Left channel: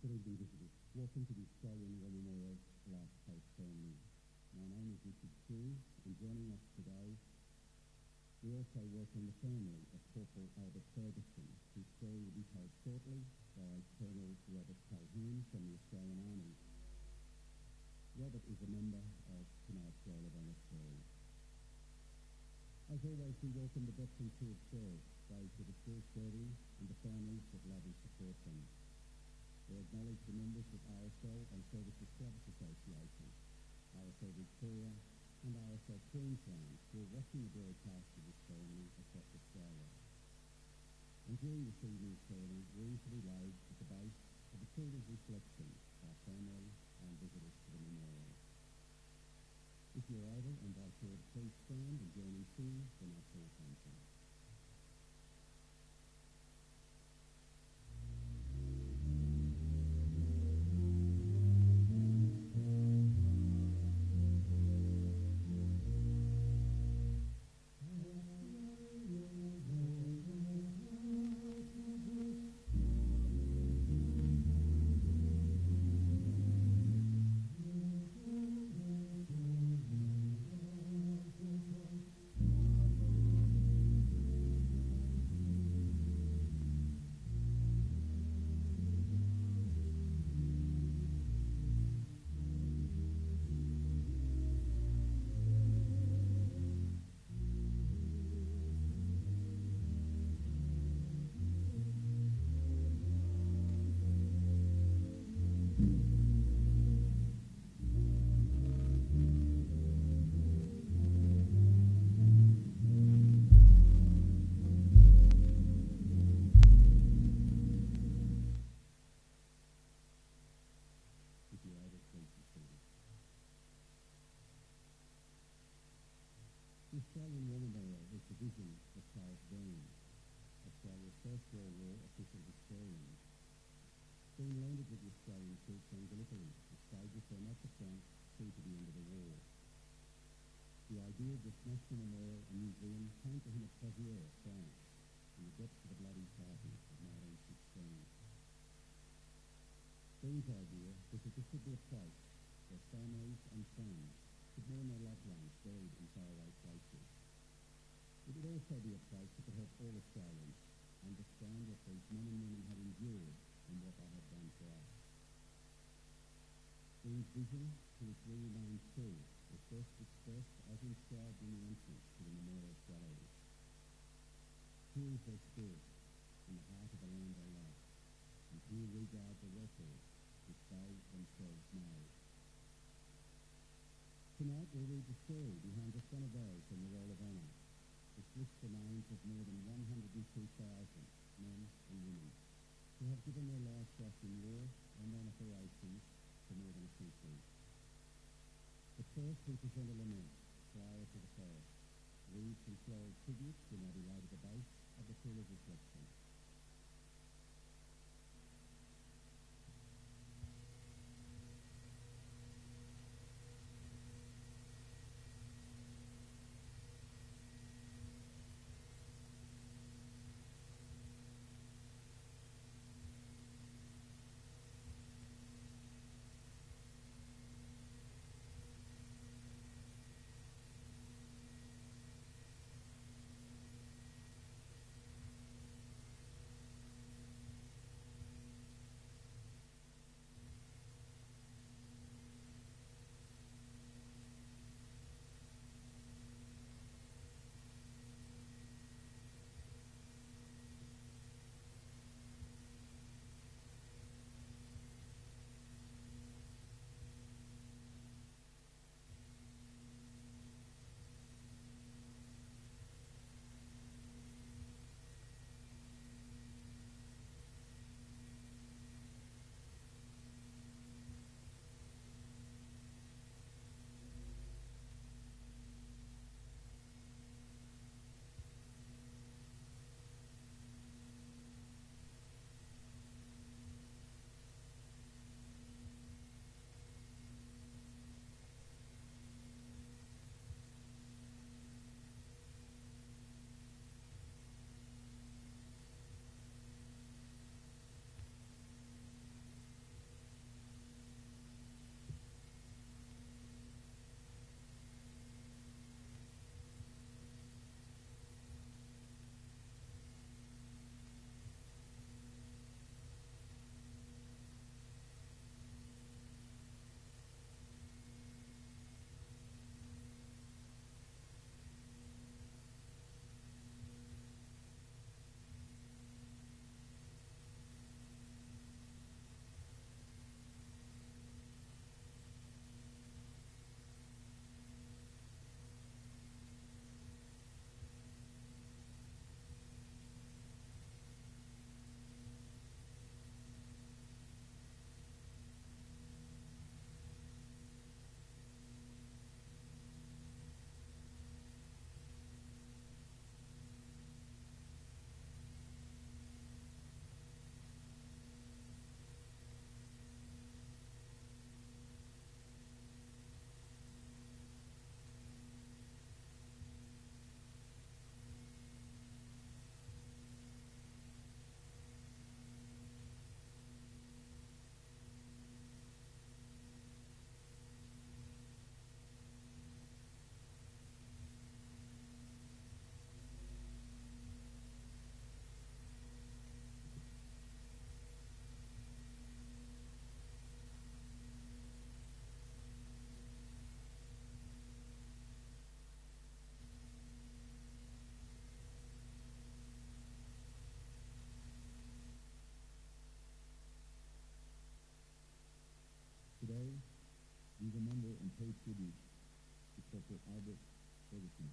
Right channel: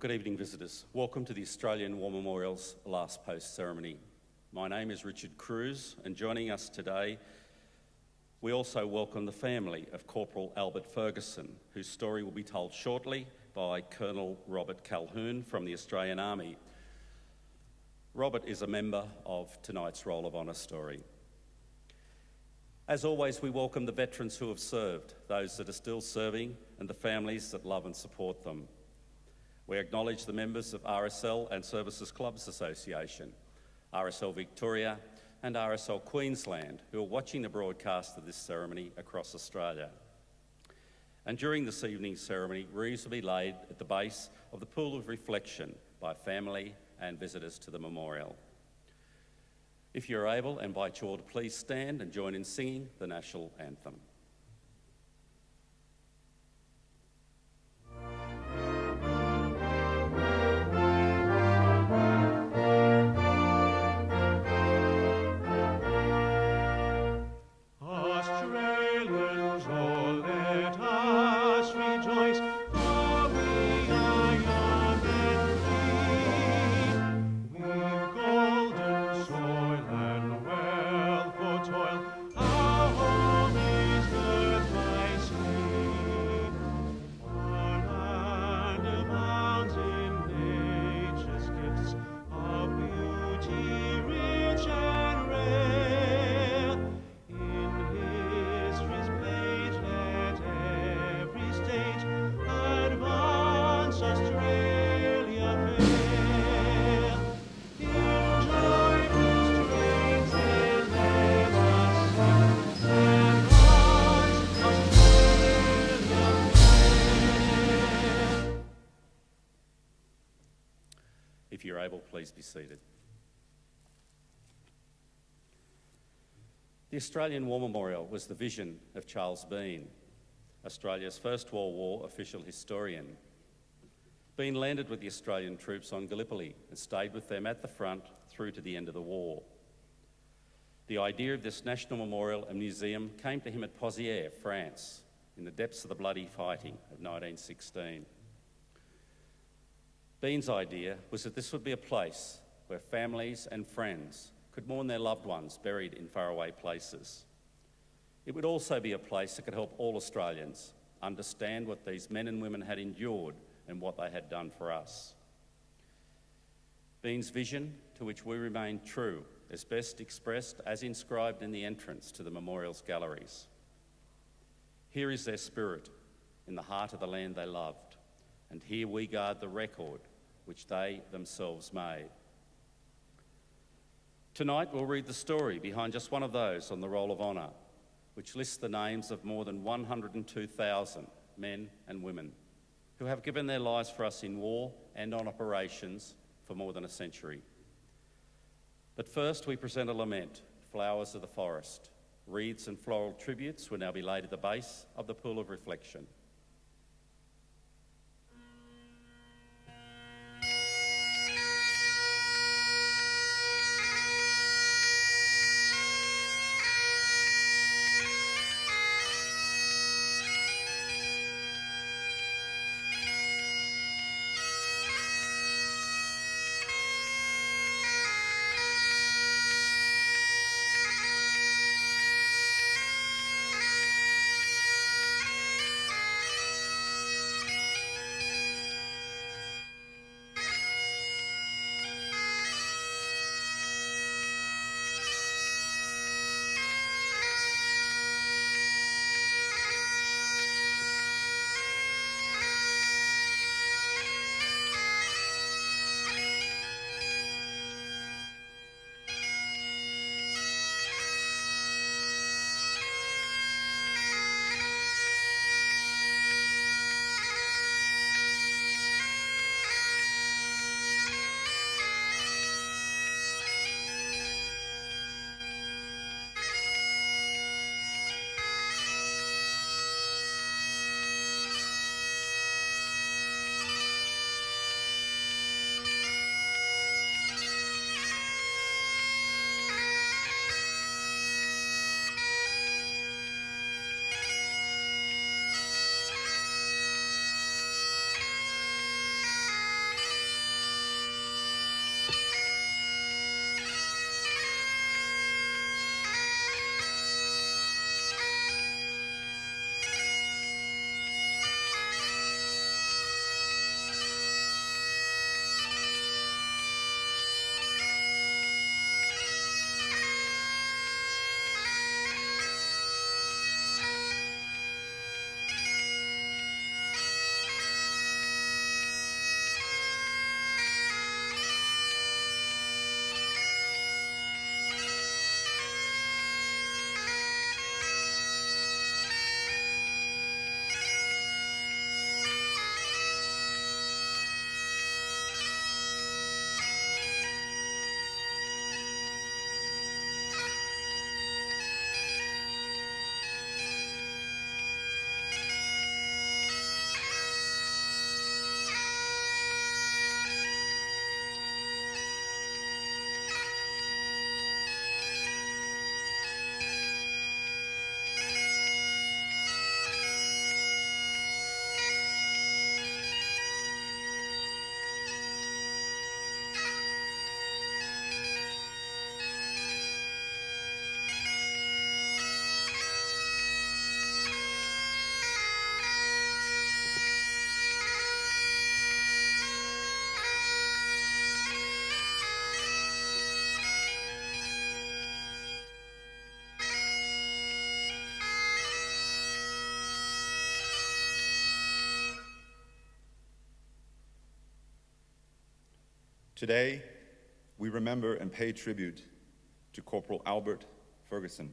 Good evening, visitors. Welcome to the Australian War Memorial's Last Post ceremony. My name is Richard Cruz, and joining us today, we also welcome the family of Corporal Albert Fergusson, whose story will be told shortly by Colonel Robert Calhoun from the Australian Army. Robert is a member of tonight's Roll of Honour story. As always, we welcome the veterans who have served, those that are still serving, and the families that love and support them. We acknowledge the members of RSL and Services Clubs Association, RSL Victoria and RSL Queensland, who are watching the broadcast of this ceremony across Australia. And during this evening's ceremony, wreaths will be laid at the base of the Pool of Reflection by family and visitors to the memorial. If you're able, I invite you all to please stand and join in singing the National Anthem. If you're able, please be seated. The Australian War Memorial was the vision of Charles Bean, Australia's first World War official historian. Bean landed with the Australian troops on Gallipoli and stayed with them at the front through to the end of the war. The idea of this national memorial and museum came to him at Pozières, France, in the depths of the bloody fighting of 1916. Bean's idea was that this would be a place where families and friends could mourn their loved ones buried in faraway places. It would also be a place that could help all Australians understand what these men and women had endured and what they had done for us. Bean's vision, to which we remain true, is best expressed as inscribed in the entrance to the memorial's galleries. Here is their spirit in the heart of the land they loved, and here we guard the record which they themselves made. Tonight we'll read the story behind just one of those on the Roll of Honour, which lists the names of more than 102,000 men and women who have given their lives for us in war and on operations for more than a century. But first we present a lament, Flowers of the Forest. Wreaths and floral tributes will now be laid at the base of the Pool of Reflection. Today, we remember and pay tribute to Corporal Albert Fergusson.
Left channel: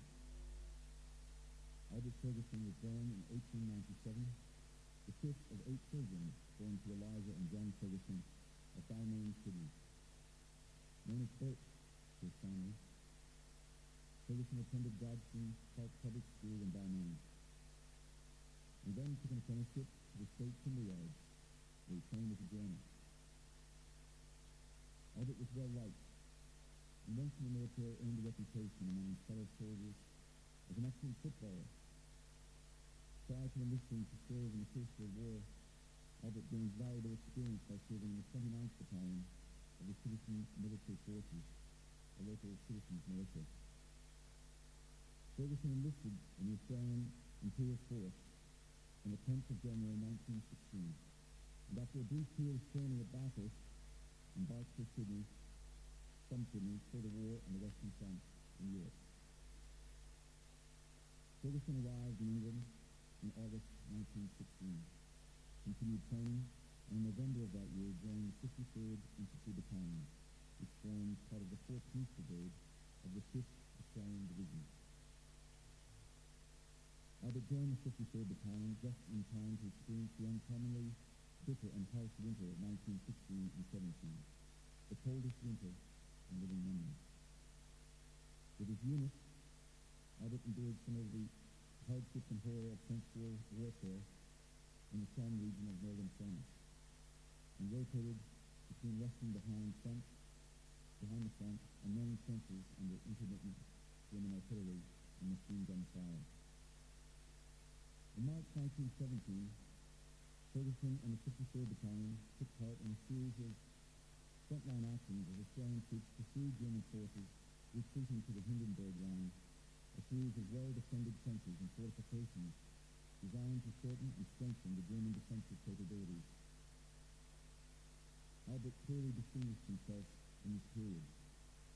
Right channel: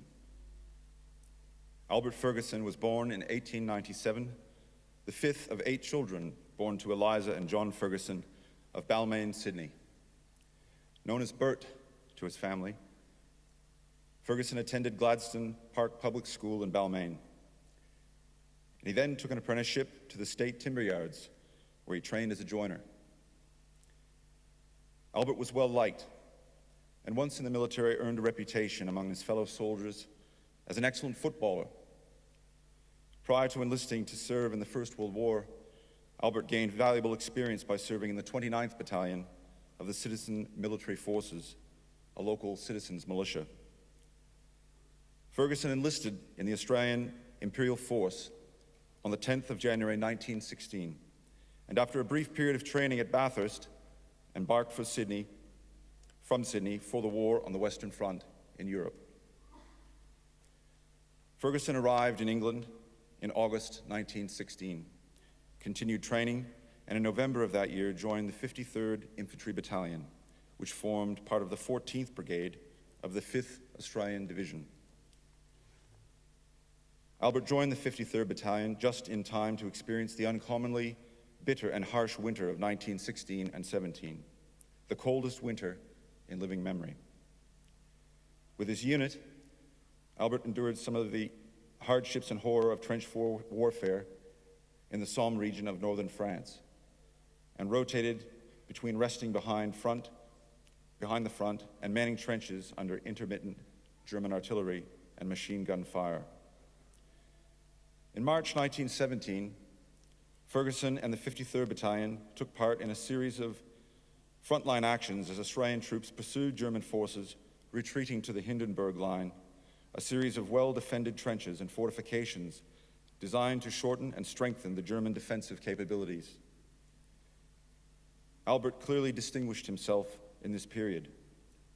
Albert Fergusson was born in 1897, the fifth of 8 children born to Eliza and John Fergusson of Balmain, Sydney. Known as Bert to his family, Fergusson attended Gladstone Park Public School in Balmain. He then took an apprenticeship to the State Timber Yards, where he trained as a joiner. Albert was well liked, and once in the military earned a reputation among his fellow soldiers as an excellent footballer. Prior to enlisting to serve in the First World War, Albert gained valuable experience by serving in the 29th Battalion of the Citizen Military Forces, a local citizens militia. Fergusson enlisted in the Australian Imperial Force on the 10th of January 1916, and after a brief period of training at Bathurst, embarked from Sydney for the war on the Western Front in Europe. Fergusson arrived in England in August 1916, continued training, and in November of that year joined the 53rd Infantry Battalion, which formed part of the 14th Brigade of the 5th Australian Division. Albert joined the 53rd Battalion just in time to experience the uncommonly bitter and harsh winter of 1916 and 17, the coldest winter in living memory. With his unit, Albert endured some of the hardships and horror of trench warfare in the Somme region of northern France, and rotated between resting behind the front and manning trenches under intermittent German artillery and machine gun fire. In March 1917, Fergusson and the 53rd Battalion took part in a series of frontline actions as Australian troops pursued German forces retreating to the Hindenburg Line, a series of well-defended trenches and fortifications designed to shorten and strengthen the German defensive capabilities. Albert clearly distinguished himself in this period,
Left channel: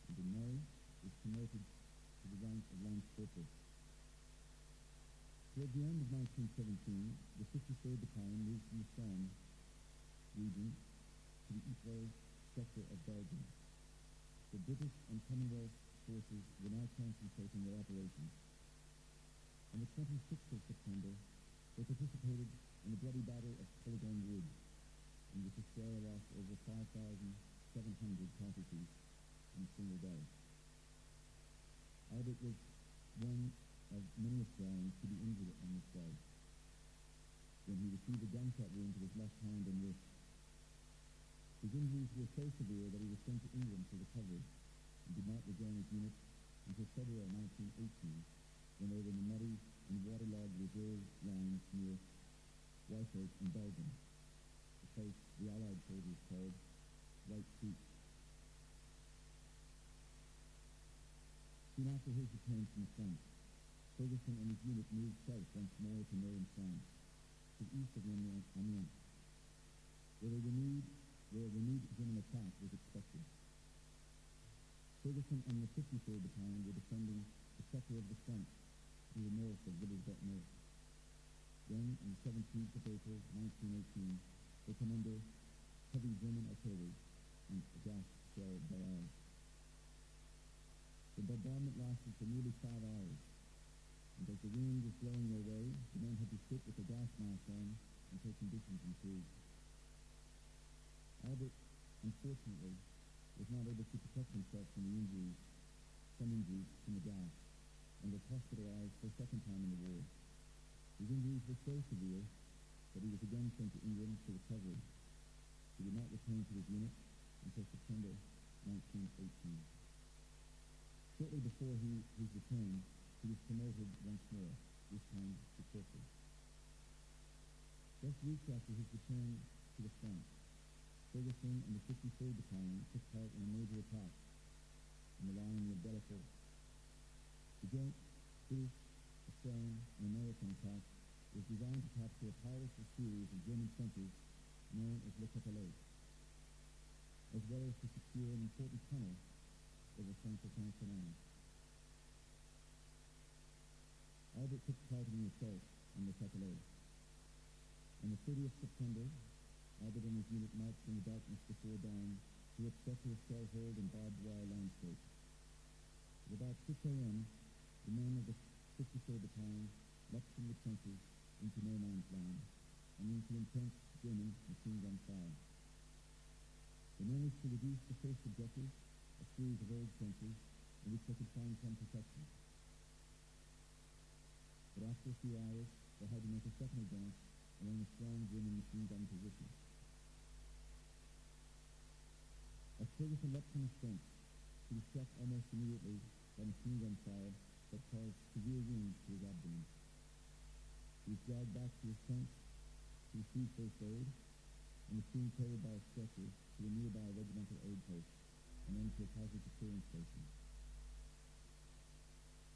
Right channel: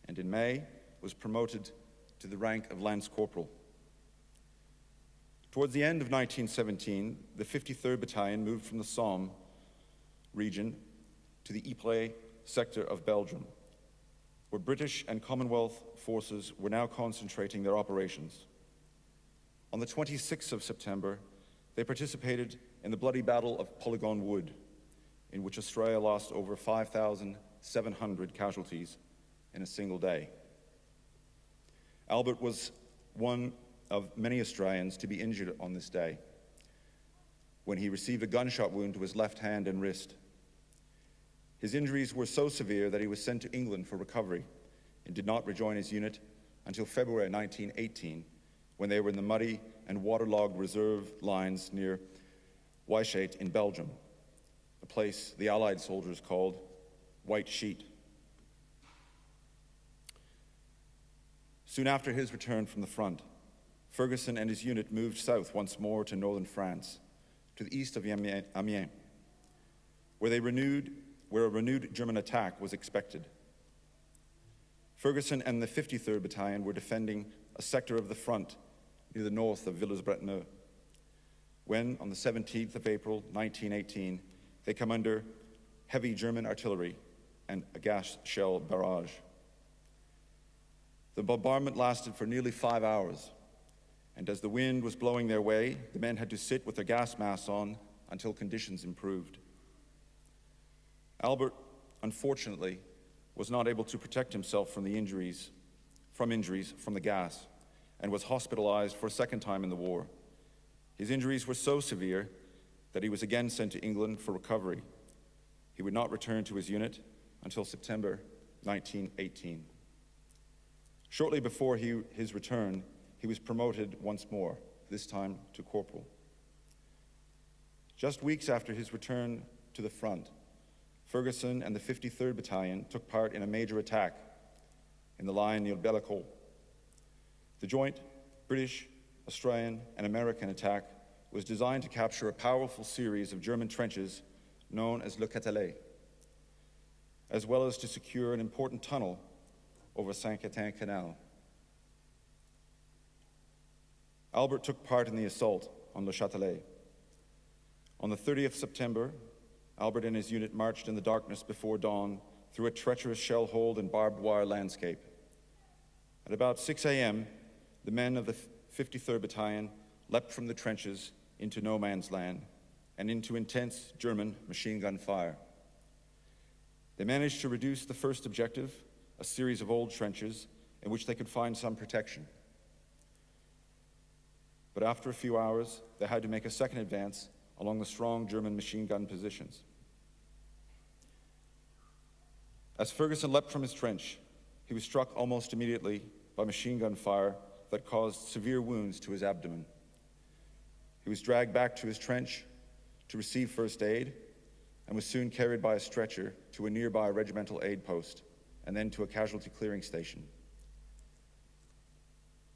and in May was promoted to the rank of Lance Corporal. Towards the end of 1917, the 53rd Battalion moved from the Somme region to the Ypres sector of Belgium, where British and Commonwealth forces were now concentrating their operations. On the 26th of September, they participated in the bloody Battle of Polygon Wood, in which Australia lost over 5,700 casualties in a single day. Albert was one of many Australians to be injured on this day, when he received a gunshot wound to his left hand and wrist. His injuries were so severe that he was sent to England for recovery and did not rejoin his unit until February 1918, when they were in the muddy and waterlogged reserve lines near Wyschate in Belgium, a place the Allied soldiers called White Sheet. Soon after his return from the front, Fergusson and his unit moved south once more to northern France, to the east of Amiens, where a renewed German attack was expected. Fergusson and the 53rd Battalion were defending a sector of the front near the north of Villers-Bretonneux, when, on the 17th of April, 1918, they come under heavy German artillery and a gas shell barrage. The bombardment lasted for nearly 5 hours, and as the wind was blowing their way, the men had to sit with their gas masks on until conditions improved. Albert, unfortunately, was not able to protect himself from injuries from the gas, and was hospitalized for a second time in the war. His injuries were so severe that he was again sent to England for recovery. He would not return to his unit until September 1918. Shortly before his return, he was promoted once more, this time to corporal. Just weeks after his return to the front, Fergusson and the 53rd Battalion took part in a major attack in the line near Bellecourt. The joint British, Australian, and American attack was designed to capture a powerful series of German trenches known as Le Catalet, as well as to secure an important tunnel over Saint-Quentin Canal. Albert took part in the assault on Le Châtelet. On the 30th September, Albert and his unit marched in the darkness before dawn through through a treacherous shell-holed and barbed wire landscape. At about 6 a.m., the men of the 53rd Battalion leapt from the trenches into no man's land and into intense German machine gun fire. They managed to reduce the first objective, a series of old trenches in which they could find some protection. But after a few hours, they had to make a second advance along the strong German machine gun positions. As Fergusson leapt from his trench, he was struck almost immediately by machine gun fire that caused severe wounds to his abdomen. He was dragged back to his trench to receive first aid and was soon carried by a stretcher to a nearby regimental aid post and then to a casualty clearing station.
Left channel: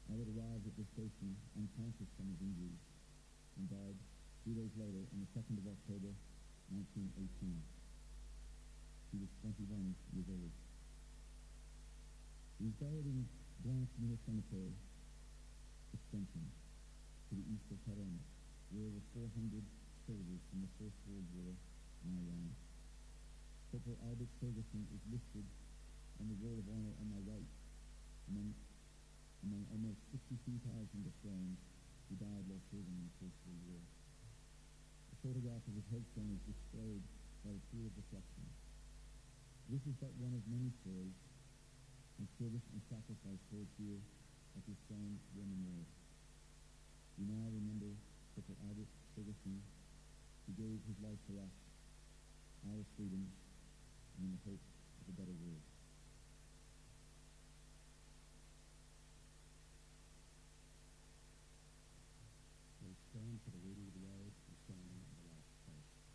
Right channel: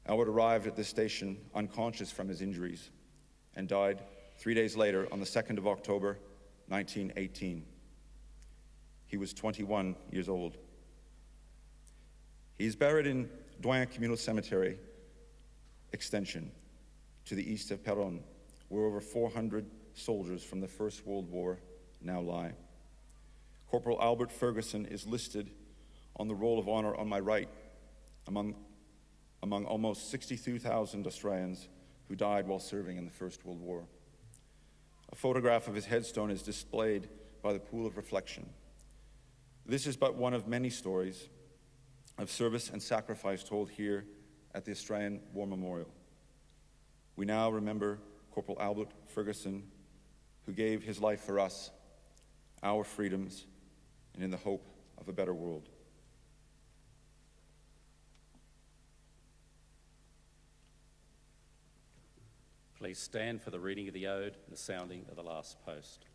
Albert arrived at this station unconscious from his injuries and died 3 days later on the 2nd of October, 1918. He was 21 years old. He is buried in Doyen Communal Cemetery Extension to the east of Peronne, where over 400 soldiers from the First World War now lie. Corporal Albert Fergusson is listed on the Roll of Honour on my right among almost 62,000 Australians who died while serving in the First World War. A photograph of his headstone is displayed by the Pool of Reflection. This is but one of many stories of service and sacrifice told here at the Australian War Memorial. We now remember Corporal Albert Fergusson, who gave his life for us, our freedoms, and in the hope of a better world. Please stand for the reading of the ode and the sounding of the last post.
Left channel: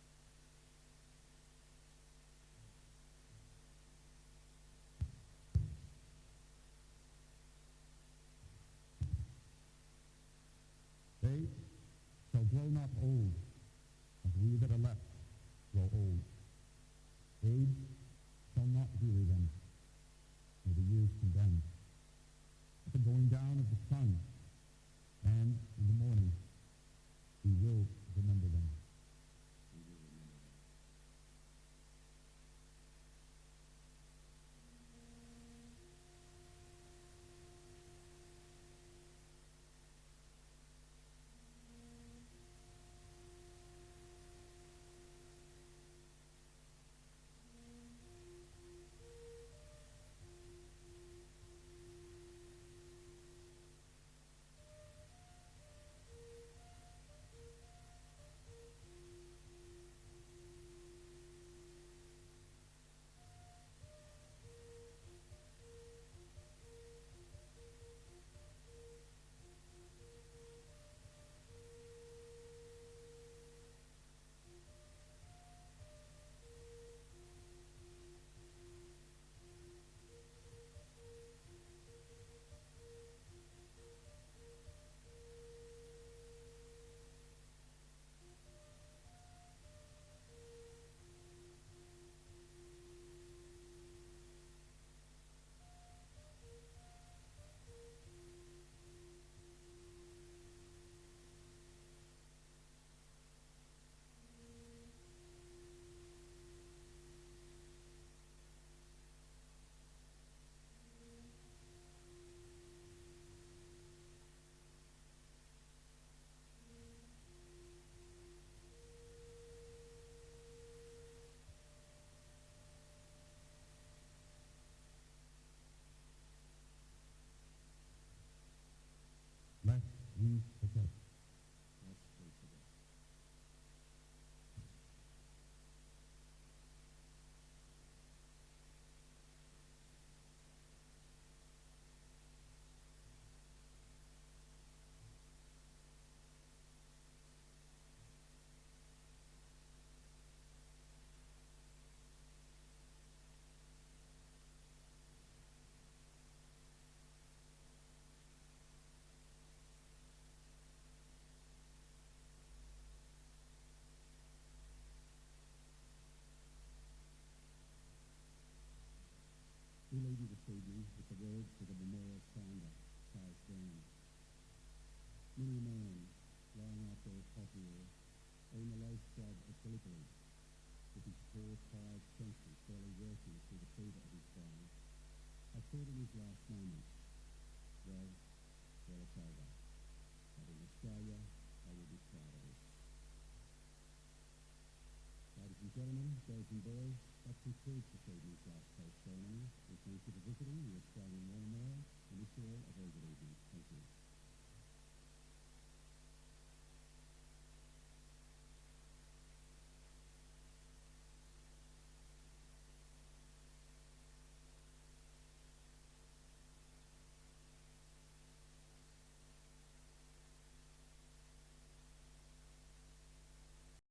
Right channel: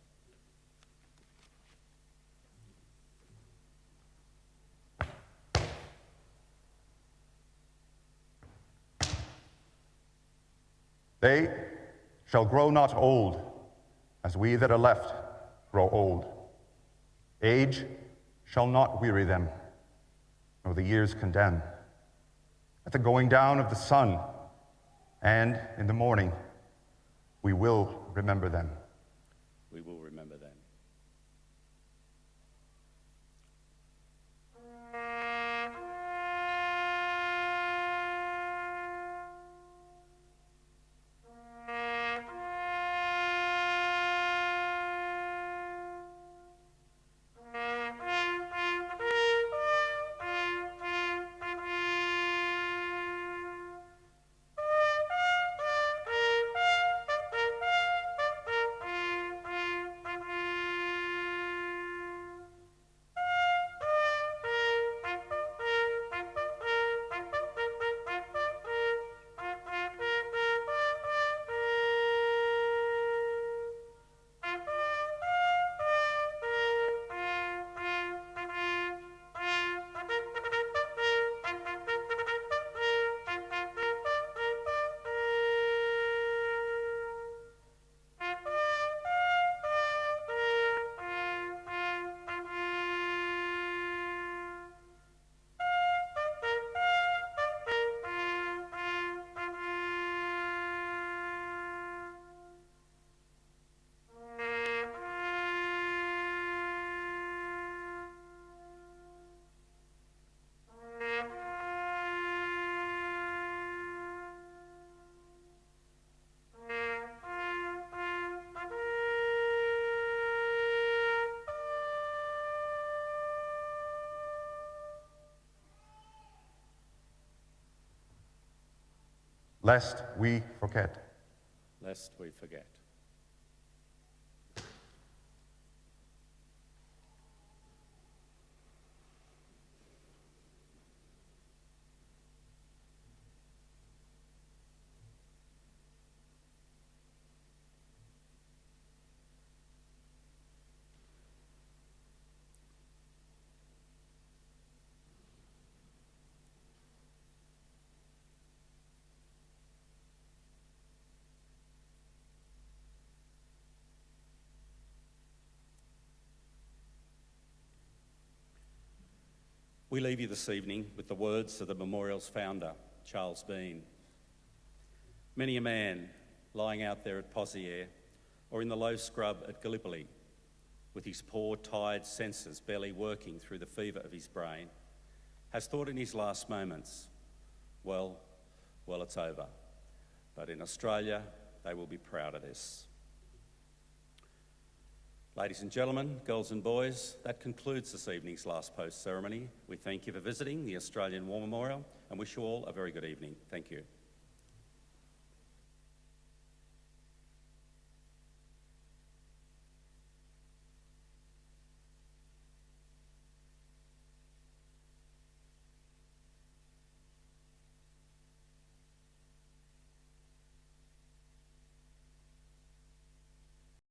They shall grow not old, as we that are left grow old. Age shall not weary them, nor the years condemn. At the going down of the sun, and in the morning, we will remember them. We will remember them. Lest we forget. Lest we forget. We leave you this evening with the words of the memorial's founder, Charles Bean. Many a man lying out there at Pozières or in the low scrub at Gallipoli with his poor, tired senses barely working through the fever of his brain, has thought in his last moments, well, it's over. But in Australia, they will be proud of this. Ladies and gentlemen, girls and boys, that concludes this evening's last post ceremony. We thank you for visiting the Australian War Memorial and wish you all a very good evening. Thank you.